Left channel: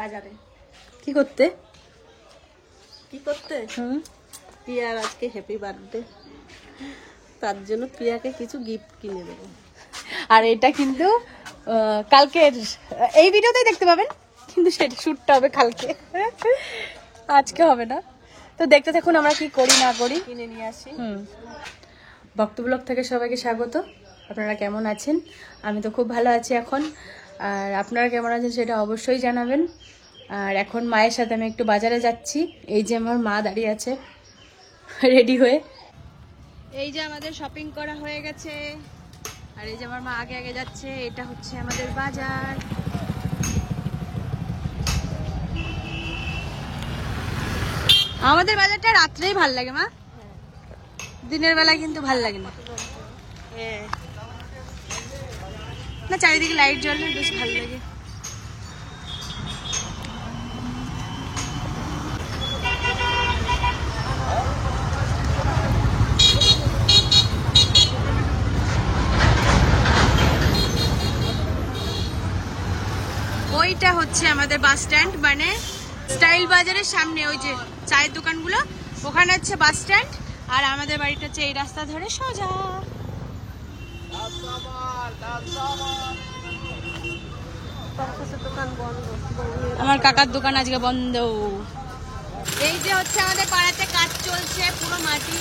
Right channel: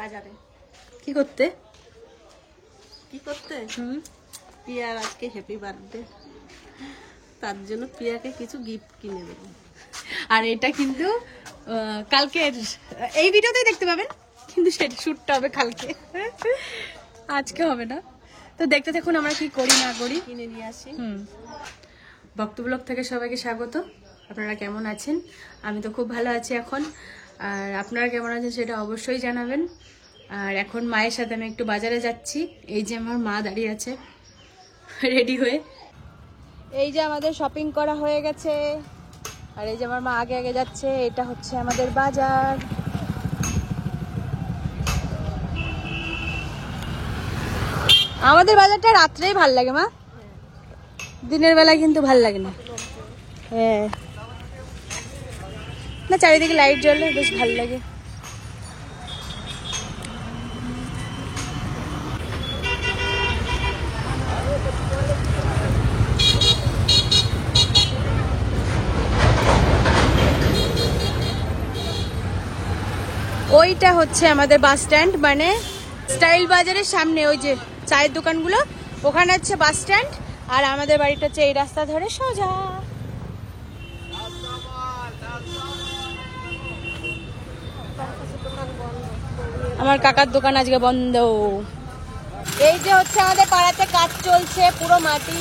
বাজারে। কি করতে? প্রিয়ার আজকে হ্যাপি বার্থডে, তার জন্য প্রিয়াকে কিছু গিফট কিনে দেবো। আর এটা কিন্তু কালকের এই ভিডিওতে দেখতে পাবেন, কিন্তু সেটা শুটটা হবে কালকে, আজকে হবে না। তো দেখতে থাকুন আমরা কি করি না করি, কিনে নিয়ে আসি। ভক্ত ব্লগ থেকে সবাইকে স্বাগত। আপনারা কেমন আছেন? আমি তো খুব ভালো আছি এখন, আর আপনারা কেমন আছেন সেটা অবশ্যই জানাবেন। আর এখন মায়ের সাথে আমি একটু বাজারে যাচ্ছি। এই যে আমার মা দাঁড়িয়ে আছে রেডি হয়ে। এই যে আমাদের শপিং করা হয়ে গেছে, আর এই যে আমার মা আগে আগে যাচ্ছে। এটা হচ্ছে আমাদের বাজার। আমাদের বাজারটা রাত্রেই ভাল লাগে মা, দিনের বেলা কিন্তু ভাল লাগে না। হ্যাঁ না, চারিদিকে লাইট জ্বলে বেশ ভাল লাগে। ওইটা হচ্ছে আমাদের বাস স্ট্যান্ড, মানে স্টাইল বাজারের সামনে ওই যে চায়ের দোকানগুলো, ওখানে হচ্ছে বাস স্ট্যান্ড। আর আমাদের বাড়িটা হচ্ছে এই রাস্তা ধরে সোজা। আমার কাকার দোকান আজকে বন্ধ। এই যে হচ্ছে আমাদের পাড়াতে কাজ চলছে, পুরো মাটি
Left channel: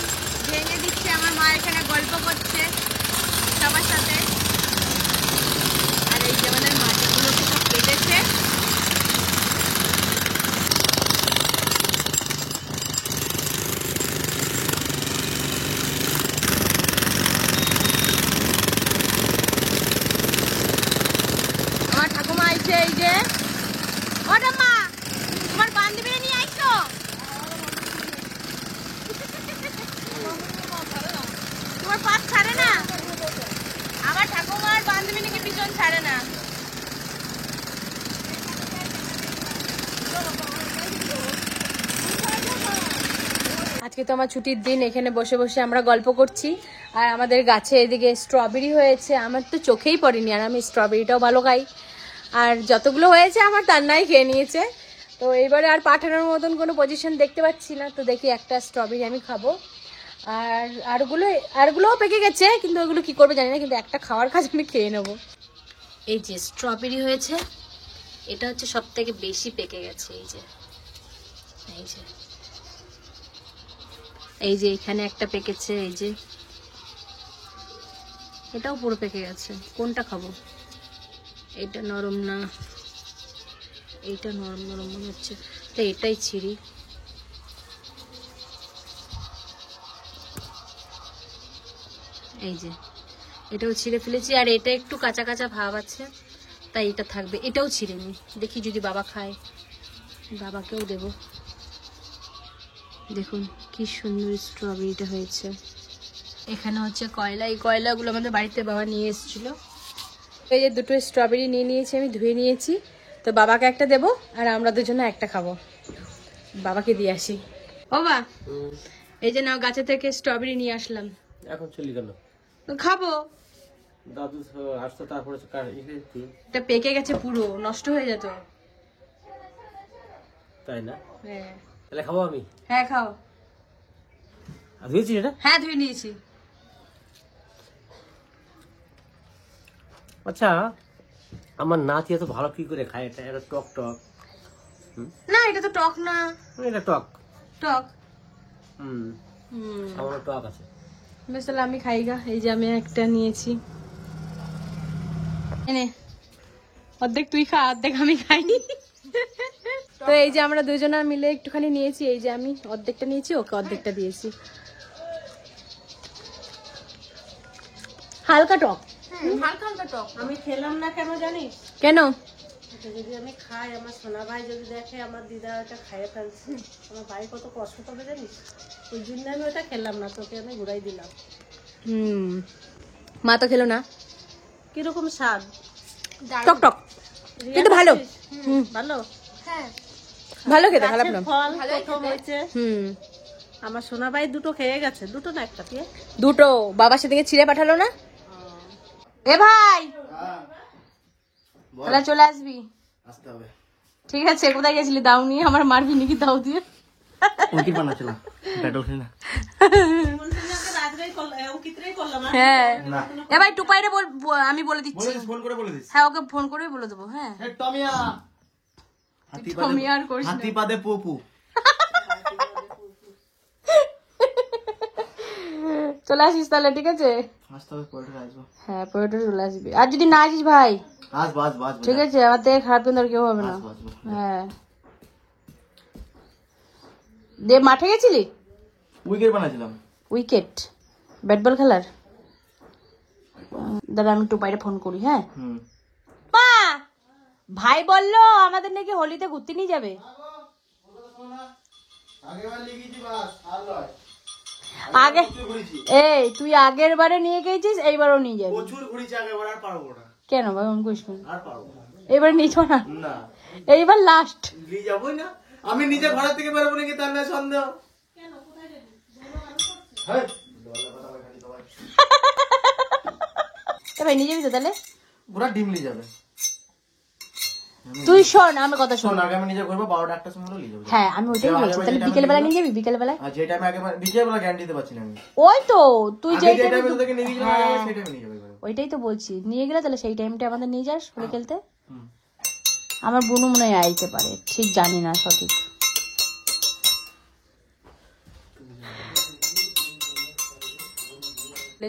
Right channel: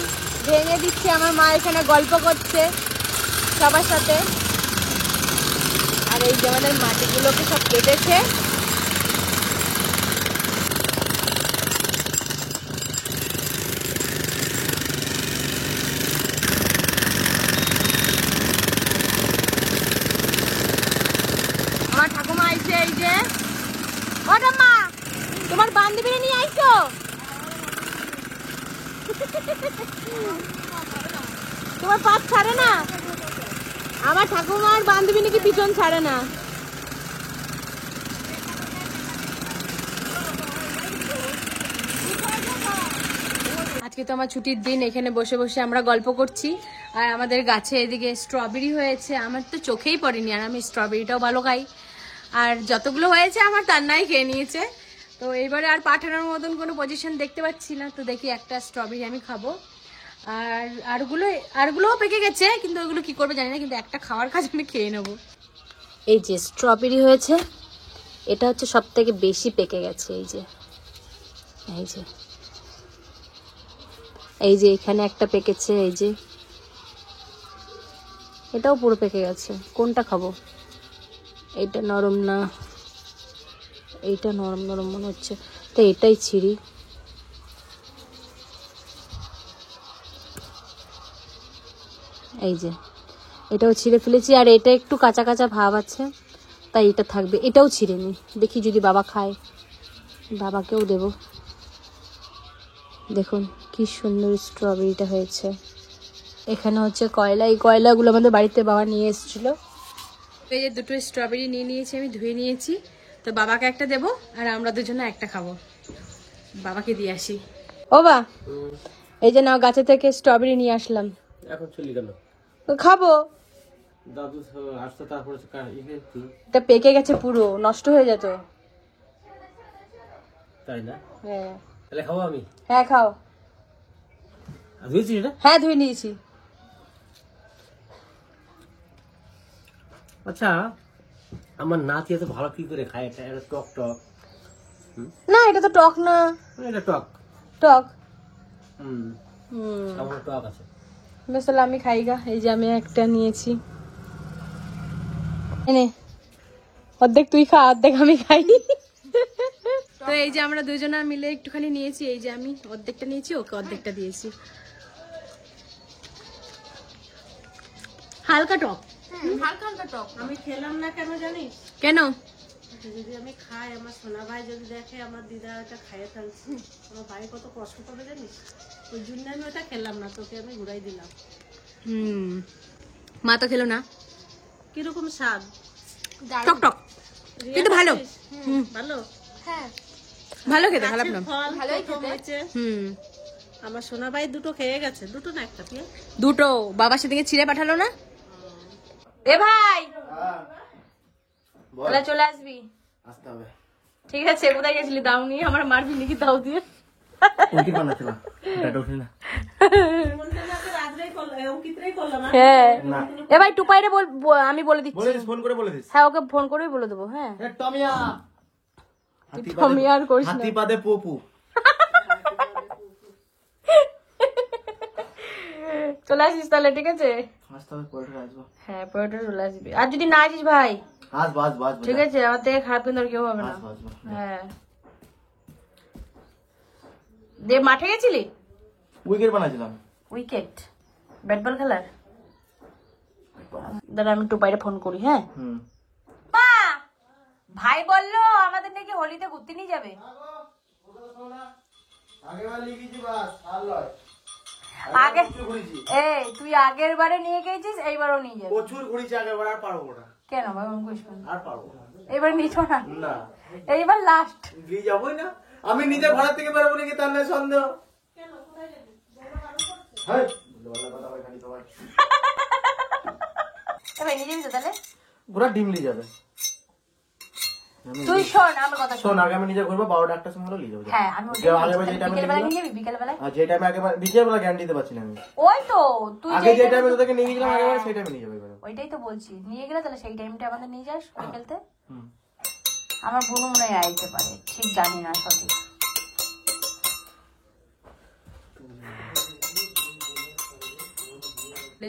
ভেঙে দিচ্ছে। আমার মা এখানে গল্প করছে সবার সাথে। আর এই যে আমাদের মাটিগুলোকে সব কেটেছে। আমার ঠাকুমা আইছে। এই যে ও ঠাম্মা, তোমার বান্ধবী নিয়ে আইছো? তোমার পাত ছাড়ে না? আমার ঠাকুমার বান্ধবী নাকি পিছন ছাড়ে না। আজকে তো আমার ছুটির দিন, এখানে বসে বসে আমরা গল্প করছি। আর আমাদের গাছে এদিকে স্ট্রবেরি হয়েছে, আমার তো চোখেই পড়েনি। আর আমি স্ট্রবেরিটাও ভালো খাই, আর যতগুলো হয়েছে আমার তার নাই খেয়ে নিয়েছে। তো এইবারে আর পাঠানোর মতন কোনো পজিশন দেখতে পাচ্ছি না, তো দেখি একটা স্ট্রবেরি আমি খাবো। আর আরগুলোও পেকে গেছে, কিন্তু ওগুলো কি করবে জানি না, কিন্তু একটা খাওয়ার কাজ আমি খেয়ে নেবো। এই যে স্ট্রবেরি হয়েছে, এটা হচ্ছে সব থেকে বেশি পেকে গেছে। এই যে এই যে এই যে এখানে একটা পেকেছে, এই যে এটাও পুরো পেকে গেছে। কোনটা খাবো? এইটা নরম না, এইটা নরম নরম মনে হচ্ছে, তো এটাই ছিঁড়ি। এই যে এটাও ছিঁড়ে ফেলেছি, আর এটা একটু কাঁচা কাঁচা ভাব আছে, তাই এটা থাকবে। এটাও ছিঁড়ে নি, দেখি যদি বাবা খায়, বাবাকেও দেব। দেখুন কি সুন্দর স্ট্রবেরিটা হয়েছে। এখানে হচ্ছে কয়লা, এই কয়লাগুলো আমাদের বাড়িতে বাবা নিয়ে এসেছিল। এই যে দুটো স্ট্রবেরি নিয়ে নিয়েছি, আমি ধুয়ে নিয়েছি। তো বাবাকে একটা দেবো, আর আমরা দুজনে একটা খাবো। বাবাকে দিয়ে আসি। ও বা, এই যে নাও, গাছে থেকে স্ট্রবেরি নিয়ে আসলাম। এখন চলি কেন? খাবো। দাদু আসতো, তারপরে এটা পেকে গেছে পুরো, নষ্ট হয়ে যেত। তাই না? হ্যাঁ। তাহলে খাবো আমি? হ্যাঁ খাও। ধুয়েছি এটা? হ্যাঁ ধুয়ে নিয়েছি। আচ্ছা, আমার নাতি এত ভালো কি করে খায়? এটা এটা টক টক। না এটা তো টক না। এটা টক টক। আমার টক আছে। বেশ, তাহলে আমি খাই গা। এই যে আমি একটা নিয়েছি, এনে অর্ধেক তুই খা, অর্ধেক আমি খাই। তো এই যে আমরা দুজনা মিলে একটুখানি নিয়েছি। এই যে আমি অর্ধেকটা নিয়েছি, ওকে অর্ধেকটা দিয়েছি। হালকা টক, হালকা হালকা টক। আমি খেলাম না কেন জানিস? কেন? যদি আমি খাই, আমার সোনা ভাই যদি দেখে আমার দিদা ওটা খাইয়ে ফেলছি, আমার ভাই কত কষ্ট করবে জানিস? ওই জন্য আমি ওটা খেলাম না, তোকে আমি ঘুরাই দিলাম। মা তো খেলো না। কিরকম স্বাদ? টক টক, কিন্তু ভালো। ভালো, হ্যাঁ ভালো খেতে, খারাপ না। ফল প্রথম হয়েছে। আমার সোনা ভাই দুটো খেয়ে গেছে, দুটো না একটা পেয়ে। দুটো বাবা সেদিকে ছিঁড়ে পাঠালো না। এ ভাই, তাহলে চলে আসবি। আসতে হবে। ঠিক আছে, কোথায় গেছিলি? দাও নিয়ে আমার মারবি নাকি দাও দিয়ে? হ্যাঁ এ ভাই টুপাইরে আমি বলে দিচ্ছি, হ্যাঁ ওকে ফোন করেই বলে দেবো। হ্যাঁ টমি আর করিস না। চলে আসিস তাহলে, ঠিক আছে? হ্যাঁ পরে চলে আসবি। আর যদি না আসিস ভাই ঠিক আছে, আমার থেকে খারাপ কিন্তু আর কেউ হবে না। হ্যাঁ দে, মাঠে গেছিলি? উইকেট বানাইছিলাম। উইকেট? ব্যাট বল খেলার? দাদা আমি টুপাইরে ফোন করি। হ্যাঁ ভাই বললো আমাদের নাকি হোলিতে ঘুরতে নিয়ে যাবে। আগে এই তুই আগের বারে নিয়ে গেছিস, এইবারও নিয়ে যাবি? প্রচুর ঘুরেছি আগের বার, আর পারবো না। কেন এমন করিস না? আর পারবো না, এবার নিছো না? না এইবার লাস্ট নিয়ে যাবোই না। আমি নিজে ঘরের থেকে বেরোবো নাকি তার না সন্দেহ। ভাই নিয়ে যাবি তো তাহলে? পুরা ডিম নিয়ে যাবে। তুই শোন আমার কথা শোন, আগে আমি নিজে ঘুরবো 12টা সময় নিয়ে যাবো। হ্যাঁ আমি বিকেল বেলা নিয়ে যাবি? বিকেল বেলা? আর যে টাইমে আগে বিকেল বেলা গ্যারান্টি দিতে পারছি না আমি। ওই তো তুই আগে যে টাইমে তোকে নিয়ে গেলাম আগেবার, সেই টাইমে নিয়ে যাবে। ওইটাই তো বলছি, নিয়ে গেলে তাহলে সেই টাইমটা আমাদের নিয়ে যাস বিকেলতে। আমার বোন নেই আইতে পারে, ঠিক জানি না সঠিক।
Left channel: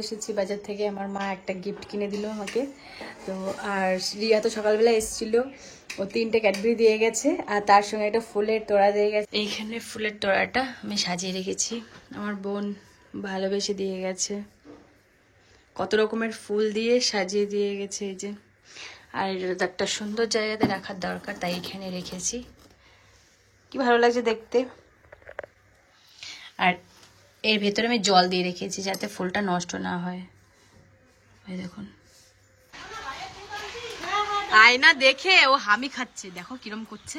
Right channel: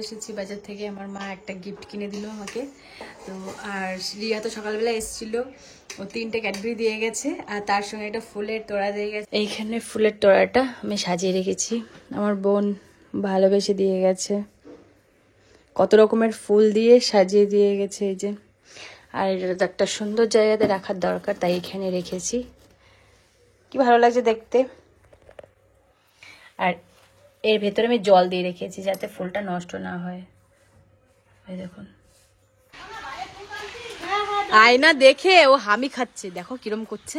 এসেছি বাজার থেকে, আমার মা একটা গিফট কিনে দিল আমাকে। তো আর রিয়া তো সকালবেলা এসেছিল, ও 3টে ক্যাডবেরি দিয়ে গেছে, আর তার সঙ্গে একটা ফুলের তোড়া দিয়ে গেছে। এইখানে ফুলের তোড়াটা আমি সাজিয়ে রেখেছি, আমার বোন ভালোবেসে দিয়ে গেছে। কত রকমের ফুল দিয়ে সাজিয়ে দিয়ে গেছে এই যে। আর এটা একটা সুন্দর জায়গাতে রাখার দরকার, তাই এখানে রেখেছি। কি ভালো লাগছে দেখতে। আর এর ভেতরে আমি জল দিয়ে রেখেছি যাতে ফুলটা নষ্ট না হয়। এই দেখুন, আয়না দেখে ও হামি খাচ্ছে, দেখো কিরম করছে।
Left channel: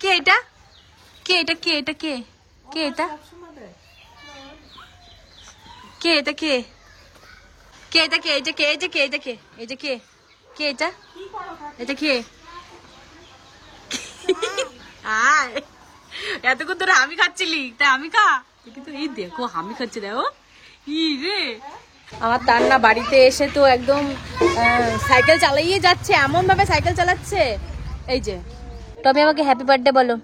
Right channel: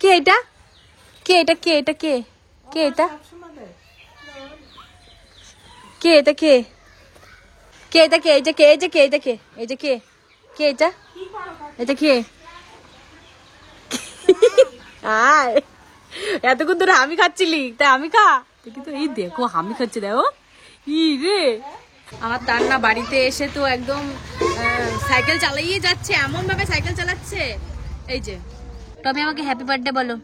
কে এটা? কে এটা? কে এটা? কে কে এটা? কে এটা? কে কে এটা? কে এই যে? কে এই যে? কে এটা? কে এই যে? কে কে এটা? এটা কে? আয় এতক্ষণ ধরে আমি খাচ্ছিলি, তাই আমি খা। কিন্তু এই দেখো আমি খাচ্ছি, দেখো ই রে। আমার তার না বাড়িতে এসে তো একদম সাইকেল চালাইয়ে যাচ্ছে, এমন ভাবে সাইকেল চালাচ্ছে। এই যে তবে আমাকে হ্যাপি বার্থডে বলো,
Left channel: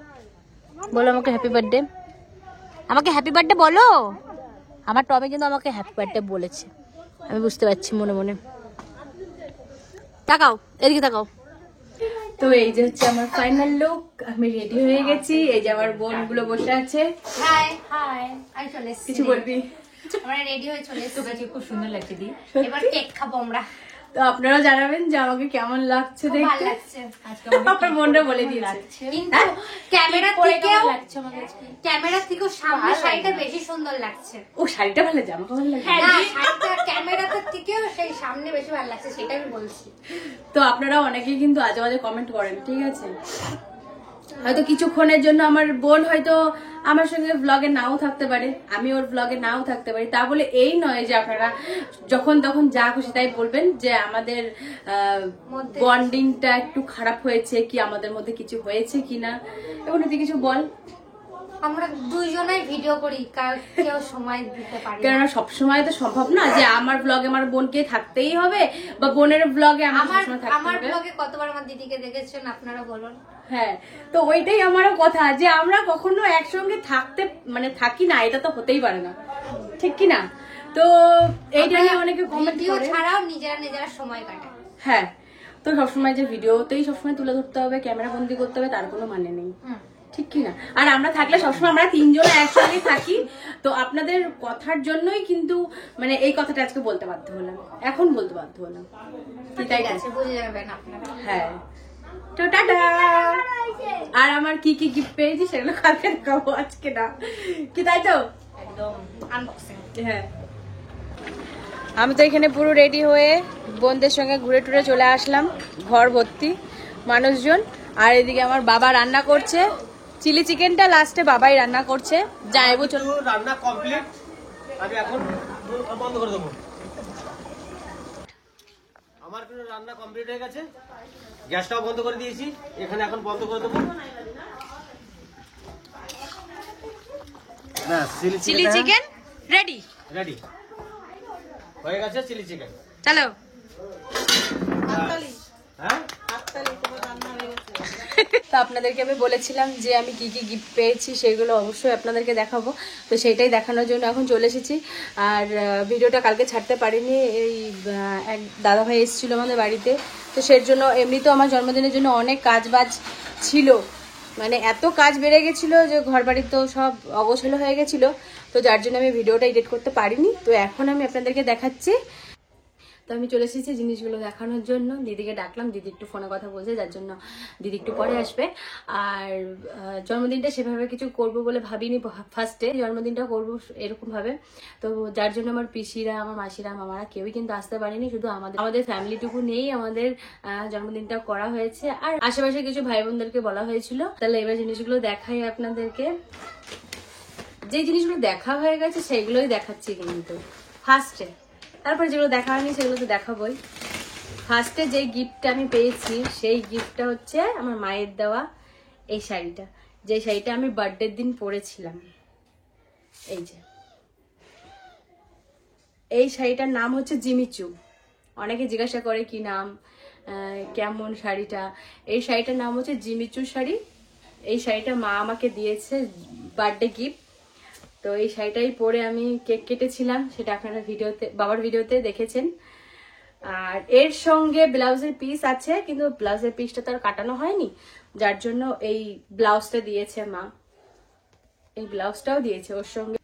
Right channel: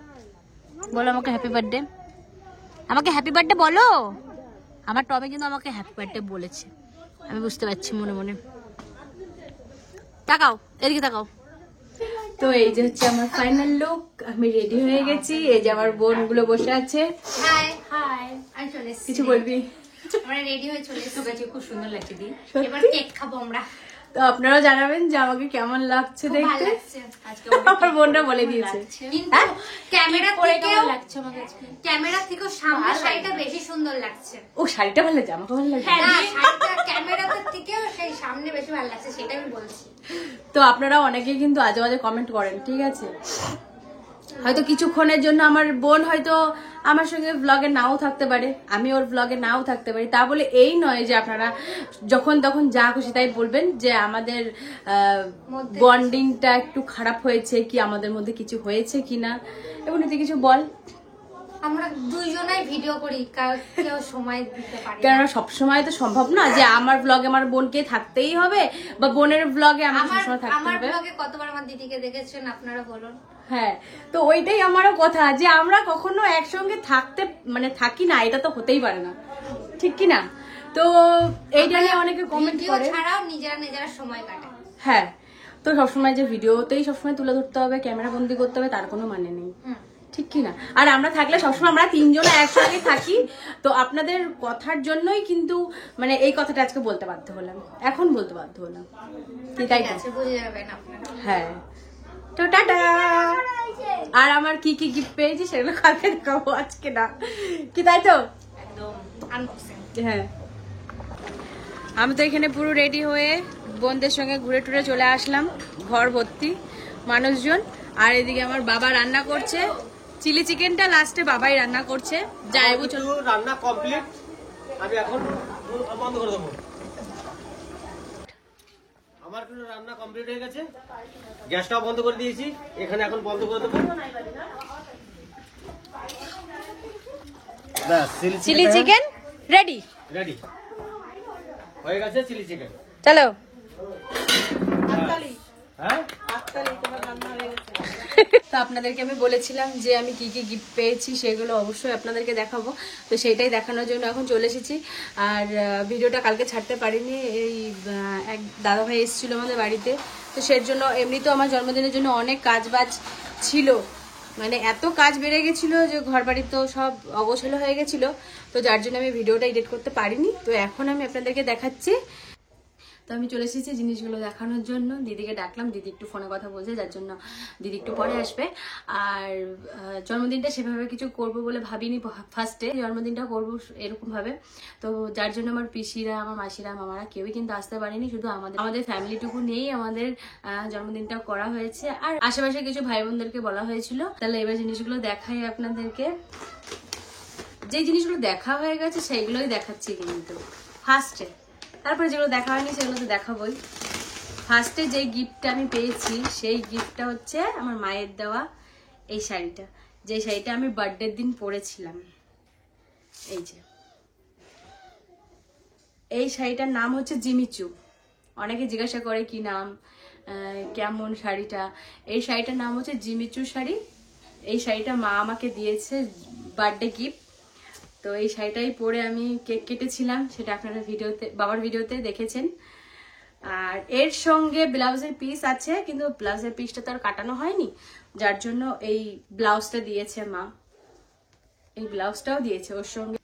বলো আমাকে হ্যাপি বার্থডে, আমাকে হ্যাপি বার্থডে বলো। আমার টবে কিন্তু আমাকে হ্যাপি বার্থডে বলেছে, আমি বুঝতে পারছি মনে মনে। তাকাও এদিকে, তাকাও। তো এই যে হচ্ছে আমার ফাইনাল লুক, আমি রেডি হয়ে গেছি। এই যে আমার বোনগুলো বসে আছে। হাই হাই, আমি চলে এসেছি। কিছু বলবি? আমরা রেডি হয়ে চলে এসেছি। তোকে খুব সুন্দর লাগছে দি। এবার কেক খাবো আমরা। তো আপনারা জানাবেন যে আমাকে কেমন লাগছে ভালো দেখতে। লাগছে আজকে আমার বোনরা বলে দিয়েছে। কিন্তু ক্যামেরা থেকেও লাগছে আমাকে আজকে। ক্যামেরা থেকেও সামনে শাড়িটা বেশি সুন্দর লাগছে। ও শাড়িটা ভালো লাগছে, আমাকে ভালো লাগছে। না, শাড়িটা ক্যামেরা থেকেও সেই সামনে বেশি ভালো লাগছে, সেটা আমি বলছি। তো আপনারা অনেকেই কিন্তু আজে বাজে কমেন্ট করেন, ঠিক আছে? হয়তো কিছুক্ষণের জন্য আমার বোন হয়তো আমার সঙ্গে ব্লগে নাও থাকতে পারে, আমি ওর ব্লগে নাও থাকতে পারি, তা বলে এই নয় যে আপনারা যখন তখন যা খুশি তাই বলবেন যে আমাদের বন্ডিংটা একটু খারাপ হয়েছে কি, আমাদের মধ্যে কিছু হয়েছে কিনা। এবং তুই কিছু বল। আমরা দুইজনাই ভিডিও করি, কেউ সময় দিতে পারি না। কেননা সবসময় তো সম্ভব না যে আমার ব্লগে আমার বোনকে থাকতেই হবে, বা বোনের ব্লগে আমার থাকতে আমার হবে। ব্লগে কতবার আমার দিদিকে দেখেছেন আপনারা বলুন। হ্যাঁ, তো ওইটাই আমারও কথা যে আমরা কখনো একসঙ্গে থাকতে থাকি না, এটা তো হতেই পারে না, ঠিক কি না? তো এইটা নিয়ে অনেকে কমেন্ট করে। ছাড়াও নিজেরা নিজেরা সময় কাটায়। হ্যাঁ, তো সবসময় যে ভিডিওতেই সবসময় তুলে ধরতে হবে, ক্যামেরা বন্দি করতে হবে, তার কোনো মানে নেই, ঠিক কি না? আর আমরা থাকলে সবসময় আমরা 3 জন একসঙ্গে থাকি। তো আপনাদের কথার জন্যই কিন্তু এই কথাটা আজকে বলতে বাধ্য হলাম, এখন বলতে বাধ্য হলাম। ঠিক আছে, বুঝে যাবেন আপনারা। হ্যাঁ, তো টাটা। আর আমার কি কি গিফট পেয়েছি সেগুলো কালকে দেখাবো, আজকে না, কি তাই তো? একদম আনবক্সিং। হ্যাঁ, আমি তো এখানে পুরো রেডি হয়ে বোনদের সঙ্গে ঘুরে টুরে চলে আসলাম, ঘর ভর্তি মানুষজন। আর এদিকে আমার বাবা রান্না করছে চিলি চিকেনটা, লাস্টে বাবাই রান্না করছে। যাই বছর রান্না কমপ্লিট, আমি এখন বন্ধ করে দেবো। আমার কিন্তু রান্না কমপ্লিট হয়ে গেছে, গ্যাসটাও বন্ধ করে দিয়েছি, এখানে এখন বন্ধ করে দেবো। ব্যাস চিলি চিকেন রেডি রেডি হয়ে গেছে, চিলি চিকেন। চলো। হ্যাঁ তো আপনাদেরকে আমি বলেছিলাম যে আমি কি কি গিফট পেয়েছি সেগুলো অবশ্যই আপনাদেরকে দেখাবো, তো সেটাই দেখানোর জন্য এখন চলে এসেছি। আর ভিডিওটা কালকে ছাড়তে পারিনি, এই এক দাদাভাই এসেছিল আমাদের বাড়িতে, তো সেই জন্য এমনি তো আমার জন্মদিনের জন্য অনেক কাজ বাজ ছিল, মানে এত কাজ বেড়ে গেছিল যে ঘর বাড়ি তো সব অগোছালো হয়ে গেছিল, তো যার জন্য আমি ভিডিওটা এডিট করতে পারিনি। তো এখন আমি আপনাদেরকে দেখাচ্ছি। তো আমি চলে এসেছি জিনিসগুলো দেখানোর জন্য, দিদিকে ডাকলাম, দিদি একটু ফোনে কথা বলছে, যার জন্য দিদি একটু পরে আসবে। আর জন্মদিনটা সেভাবে কিছু করব বলে ভাবিনি, ফার্স্টে জন্মদিনটা করবো এরকম ভাবে, তো যার জন্য আমার পিসিরা, আমার মাসিরা, মামারা কেউই কিন্তু আসতে পারেনি, শুধু আমাদের ফ্যামিলিটুকু নিয়েই আমাদের জন্মদিনটা করা হয়েছে। আর আশেপাশে কিছু ভাই বোনদেরকে বলা হয়েছিল। তাহলে এবার জিনিসগুলো দেখাই আপনাদেরকে। যে জিনিসগুলো দেখা হয়ে গেছে সেগুলোই দেখাচ্ছি কিন্তু ফার্স্টে, তারপরে যেগুলো দেখা হয়নি সেগুলো তো দেখাবোই। ফার্স্টে যে গিফটটা আমি পেয়েছি সেই গিফটটা হচ্ছে আমার মায়ের দেওয়া এই শাড়িটা, যে শাড়িটা আমি বার্থডের দিন পরেছিলাম। এই যে এই শাড়িটার নাম হচ্ছে জিমিচু। অনেকে জিজ্ঞাসা করে কি নাম, কেমন শাড়িটা। এই শাড়িটার নাম হচ্ছে জিমিচু শাড়ি। এই শাড়িটা মা আমাকে দিয়েছে বার্থডে গিফট। তো এই শাড়িটাই পরে আমি কেক কেটেছিলাম, সেটা আপনারা বাবার ভিডিওতে দেখেছেন। আর এর সঙ্গে ব্লাউজের পিস আছে, কিন্তু ব্লাউজের পিসটা তো আর কাটানো হয়নি, যার জন্য এই ব্লাউজটা দিয়েছে মা। এই ব্লাউজটাও দিয়েছে ওর সঙ্গে,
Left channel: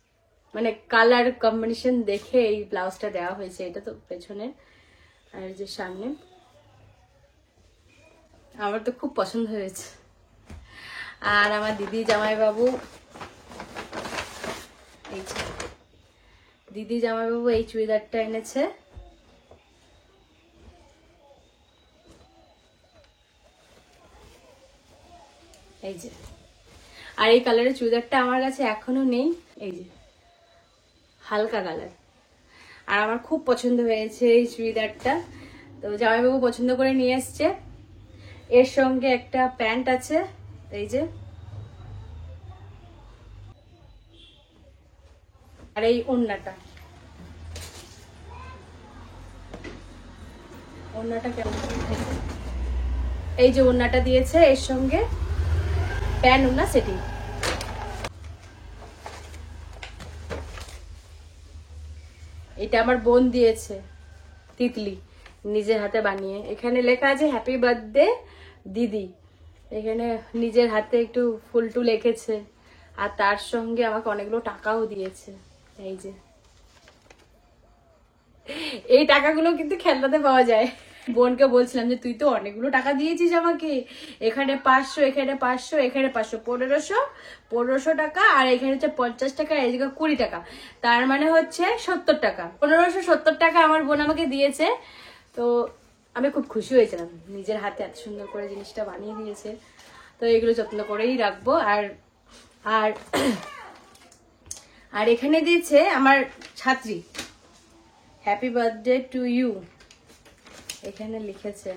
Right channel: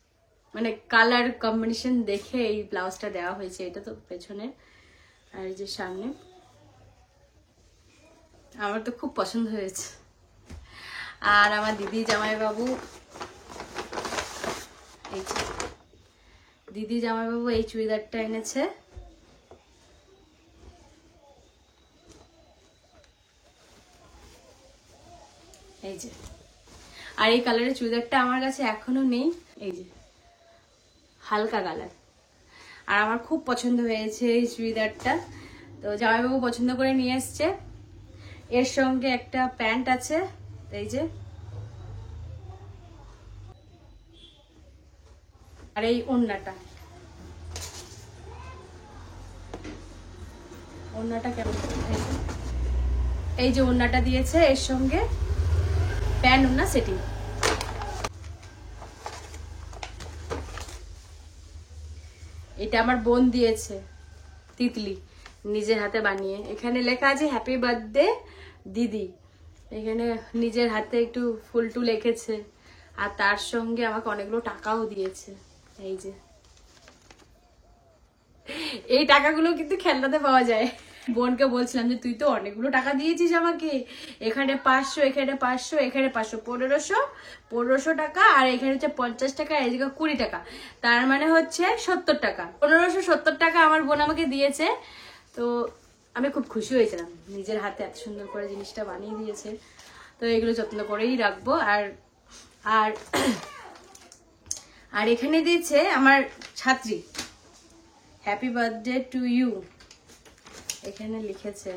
মানে কালার কম্বিনেশন দেখে এই ব্লাউজটা দেওয়া হয়েছে। এটা তো পেছনে আর যে সামনে, আমার তো খুব পছন্দ হয়েছে। আর আমার দিদি জামাইবাবু, দিদি জামাইবাবু এই চুড়িদারটা এনেছে। এই যে, আর এই কালারের চুড়িদারটা আমার কাছে এখনো নেই, এই যে হালকা কালার, আর আমার খুব পছন্দ হয়েছে এই চুড়িদারটা। তো জামাইবাবু পছন্দ করে নিয়ে এসছে। এর সঙ্গে একটা প্যান্ট আছে, এই যে, আর এই ওড়নাটা কেমন, এই যে ওড়নাটা দিয়েছে এর সঙ্গে প্যান্ট ওড়না সেটিং। এটা আমার বোন দিয়েছে, তিতলি, নিজের হাতে বানিয়ে। এখানে লেখা আছে হ্যাপি বার্থডে দিদি, এখানে নিজের হাতে একটু ফুল টুল লিখেছে, আর তার সঙ্গে আমাকে অনেকগুলো টাকাও দিয়েছে। এই যে এই টাকাগুলো কিন্তু খেলনাতে পাওয়া যায়। বোনকে বলছিলাম যে তুই তো অনেকগুলো টাকা দিয়েছিস আমাকে, এখানে 500, এখানে 500, এখানে 500, 1500 টাকা, আর এখানে হচ্ছে 50 টাকা, এই জায়গায় 20 টাকা, তার মানে হচ্ছে 70 টাকা। 1570 টাকা আমার বোন আমাকে দিয়েছে। তো আমি খুব খুশি হয়েছিলাম, নিজের হাতে এত সুন্দর করে জিনিসটা বানিয়ে দিয়েছে। তো এগুলো যত্ন করেই রাখবো। আর আর আর এখানে দিয়েছে আমার ছাত্রী, হ্যাপি বার্থডে টু ইউ, এখানে লিখেছে।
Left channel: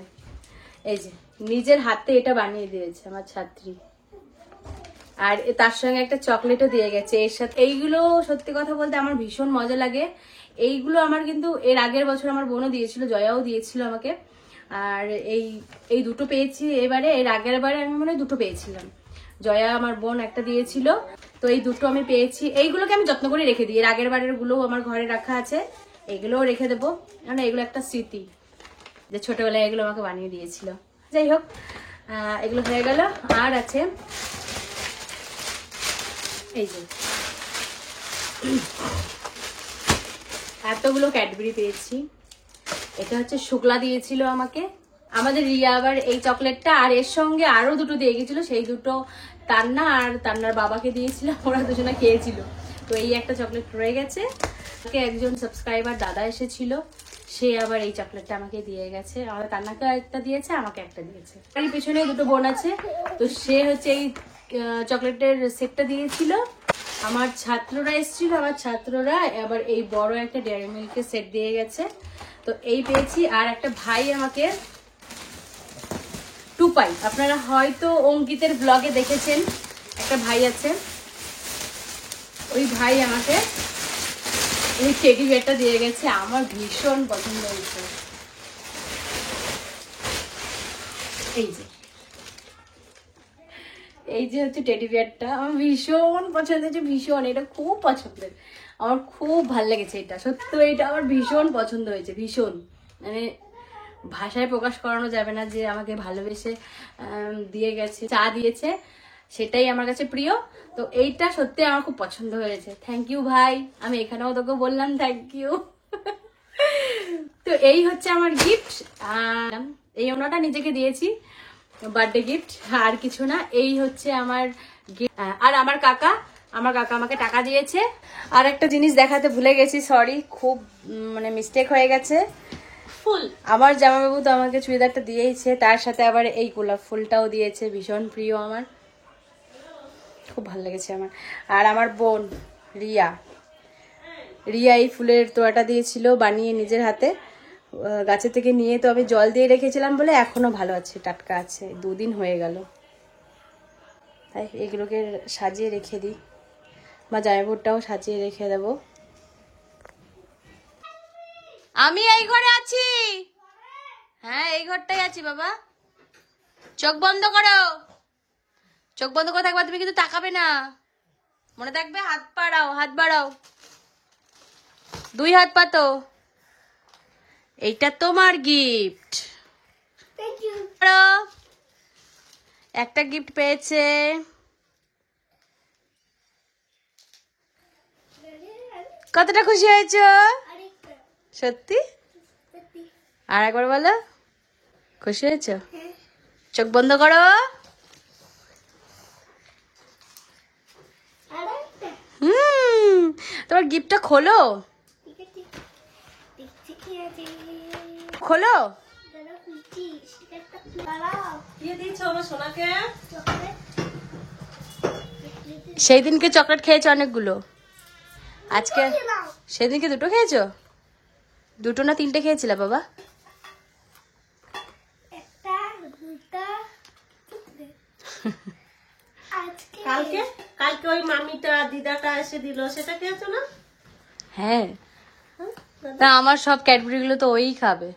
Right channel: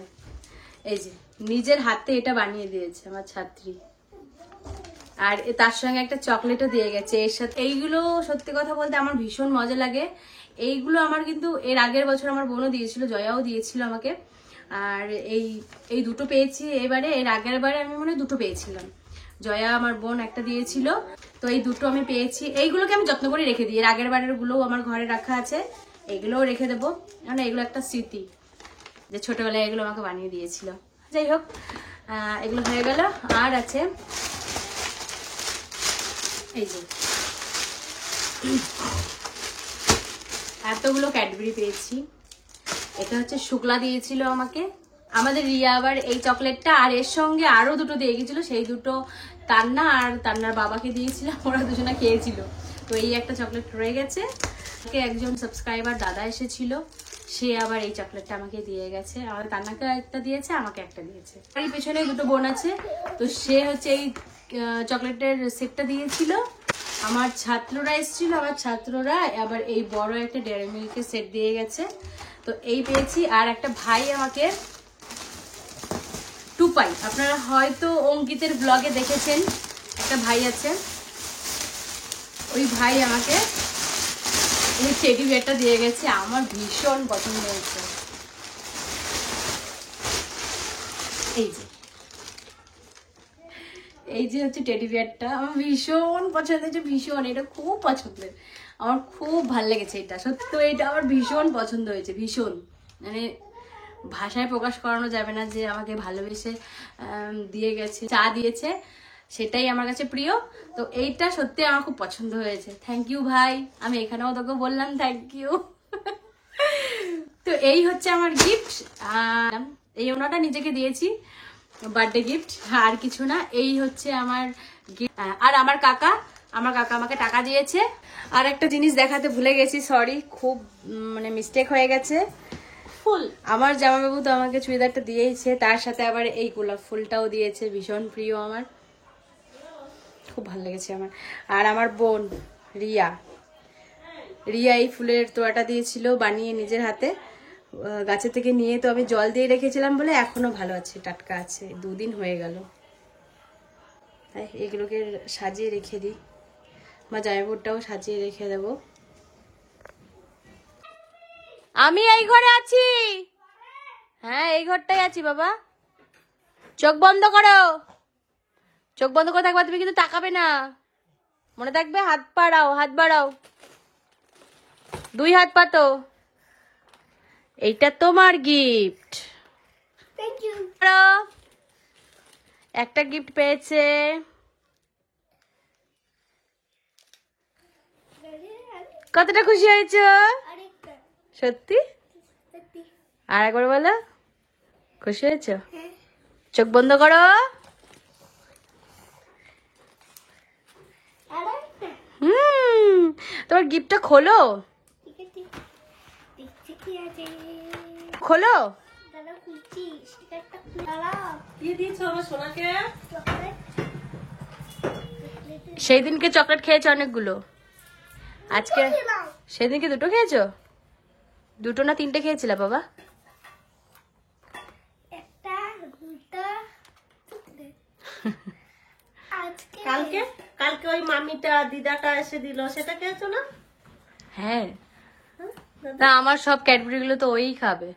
এই যে নিজের হাতে এটা বানিয়ে দিয়েছে আমার ছাত্রী। আর তার সঙ্গে একটা চকলেটও দিয়ে গেছে এর সাথে। এইগুলো সত্যি কথা বলতে আমার ভীষণ মজা লাগে। এইগুলো আমার কিন্তু এর আগের বছর আমার বোনও দিয়েছিল, জয়াও দিয়েছিল আমাকে। আর এই দুটো পেয়েছি এবারে, এর আগের বারে আমি মনে হয় দুটো পেয়েছিলাম, জয়া আমার বোন একটা দিয়েছিল। তো এই দুটো আমি পেয়েছি, এইগুলোকে আমি যত্ন করে রেখে দিই। এর আগের বারের গুলো আমার ঘরে রাখা আছে, এগুলোও রেখে দেবো, কারণ এগুলো একটা স্মৃতি যে ছোটবেলায় এগুলো আমাকে বানিয়ে দিয়েছিল। যাই হোক, এগুলো হয়ে গেল। আর আছে এই যে এতগুলো ক্যাডবেরি পেয়েছি। এটা হচ্ছে শুক্লা দিয়েছিল আমাকে, আমাদের রিয়া আবার এই চকলেটটা, আর এর সঙ্গে আরো দুটো দিয়ে গেছিল, সেই দুটো তান্না আর তান্নার বাবাকে দিয়েছিলাম, ওরা দুজনা খেয়েছিল। তো এই একটা চকলেট রয়ে গেছে। একজন সাবস্ক্রাইবার দাদা এসেছিল, সে আবার এই চকলেটটা আমাকে দিয়ে গেছে। আমাদের তান্নাকে একটা দিয়েছে, আমাকে একটা দিয়েছে। আর পেছনে দুটো বোন আছে, তো সে হচ্ছে এই চকলেটের সেটটা দিয়েছিল। আমার ছাত্ররা এসেছিল, আমার ছাত্ররা আবার এই বড় একটা ডেয়ারি মিল্কের সেট দিয়ে গেছে। তো এই পেয়েছি। আর একটা ভাই আমাকে টুপাই, আপনারা হয়তো অঙ্কিতের ব্লগে দেখেছেন, একটা ভাই আছে, ওই ভাই আমাকে এই টেডি বিয়ারটা দিয়ে গেছে। আমার ভীষণ পছন্দ হয়েছে। এই যে হচ্ছে টেডি বিয়ারটা, আমার ভীষণ পছন্দ হয়েছে, ভীষণ, এটা খুব পছন্দের, আমার খুব ভালো লেগেছে এটা, সত্যি এটা আমার ভীষণ পছন্দ হয়েছে, ভীষণ, মানে ভাষায় প্রকাশ করানো যাবে না যে আমাকে ভালোবেসে দিয়ে গেছে, চা দিয়েছে, সেটাই আমার কাছে প্রিয়। তো এইটা সত্যি আমার খুব পছন্দ হয়েছে। থ্যাংক ইউ ভাই, আমি এখানেও তোকে বললাম থ্যাংক ইউ। তো এই হচ্ছে আমার গিফট। এই ওনাটা নিজেকে দিয়েছি, বার্থডে গিফট, আর কিছু না। এই হচ্ছে আমার গিফট। আর আমার কাকা আমাকে টাকা দিয়েছে। আর একটা জিনিস দেখাতে ভুলে গেছি, সরি, খুব মানে মিস্টেক হয়ে গেছে। ফুল, আমার জামাইবাবু তো আমাকে চুড়িদারটা দিয়েছে, তার সাথে আবার এই গোলাপ ফুলটাও দিয়েছে, ভীষণ প্রিয় আমার, খুব ভালো লেগেছে আমার। আর আমার বোন রিয়া এই ফুলের তোড়াটা দিয়েছিল বানিয়ে নিজের হাতে, গাছে থেকে নিয়ে। তো আমি জল দিয়ে রেখেছিলাম বলে এখনো ভালো আছে, টাটকা আছে, 2 দিন হয়ে গেল। তাই এগুলোকে সাজিয়ে রেখে দিই, বা জামাইবাবুটাও সাজিয়ে রেখে দেবো। আমি এই ঘরে আছি, হ্যাঁ এই ঘরটাই আছি বাবা। চোখ বন্ধ করো, চোখ বন্ধ করে থাকবা, তুমি কিন্তু তাকাবে না, মনে থাকবে। হাত বাড়াও, হাত বাড়াও, 2 হাত পাতো। এইটা তোমার গিফট। একটা গিফট পেয়েছে। কতটা খুশি হয়েছ সত্যি? আর একবার বলো, খুশি হয়েছ? চোখ বন্ধ করো। তোমার গিফটটা খোলো, খোলো। সেই দিনকে চকলেট খেয়েছো অনেকগুলো, আজকে সেদিনকে 2টো খেয়েছো? 2টো না 3টে খেয়েছিলে বাবা? কালকে ওই মামিটা দিদাটা এসে দিল, সেটা খেয়েছো না? হ্যাঁ, তা আমার সব ক্যাডবেরি গুলো তো ওই খাবে।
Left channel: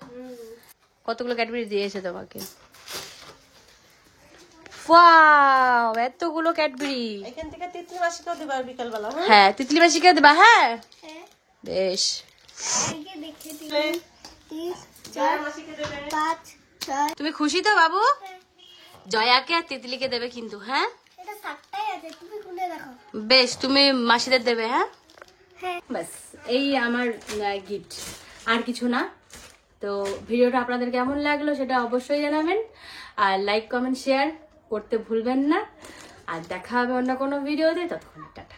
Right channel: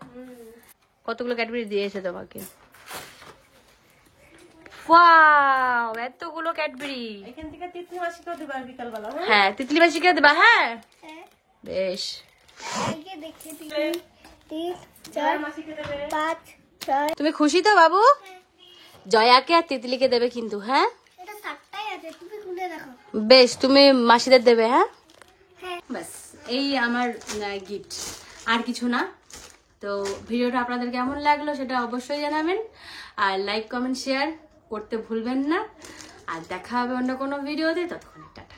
কতগুলো ক্যাডবেরি দিয়েছে তোমাকে? ওয়াও, এতগুলো ক্যাডবেরি। এখান থেকে তিতলি মাসিকে দিবা বিকালবেলা। হ্যাঁ, তিতলি মাসিকে দেবা। হ্যাঁ বেশ। 3, 4, 5, 6। তুমি খুশি তো বাবু? জয়াকে আর তিতলিকে দেবে কিন্তু, হ্যাঁ এটা 7টাই আছে, তুমি খুলে দেখো। বেশ, তুমি মাসিদের দেবে। হ্যাঁ ব্যাস, এই আমার গিফট, আর কিছু না। তো ভিডিওটা আপনাদের কেমন লাগলো সেটা অবশ্যই জানাবেন, আর লাইক কমেন্ট শেয়ার করতে ভুলবেন না। আর দেখা হবে অন্য কোনো ভিডিওতে, ততক্ষণে টাটা।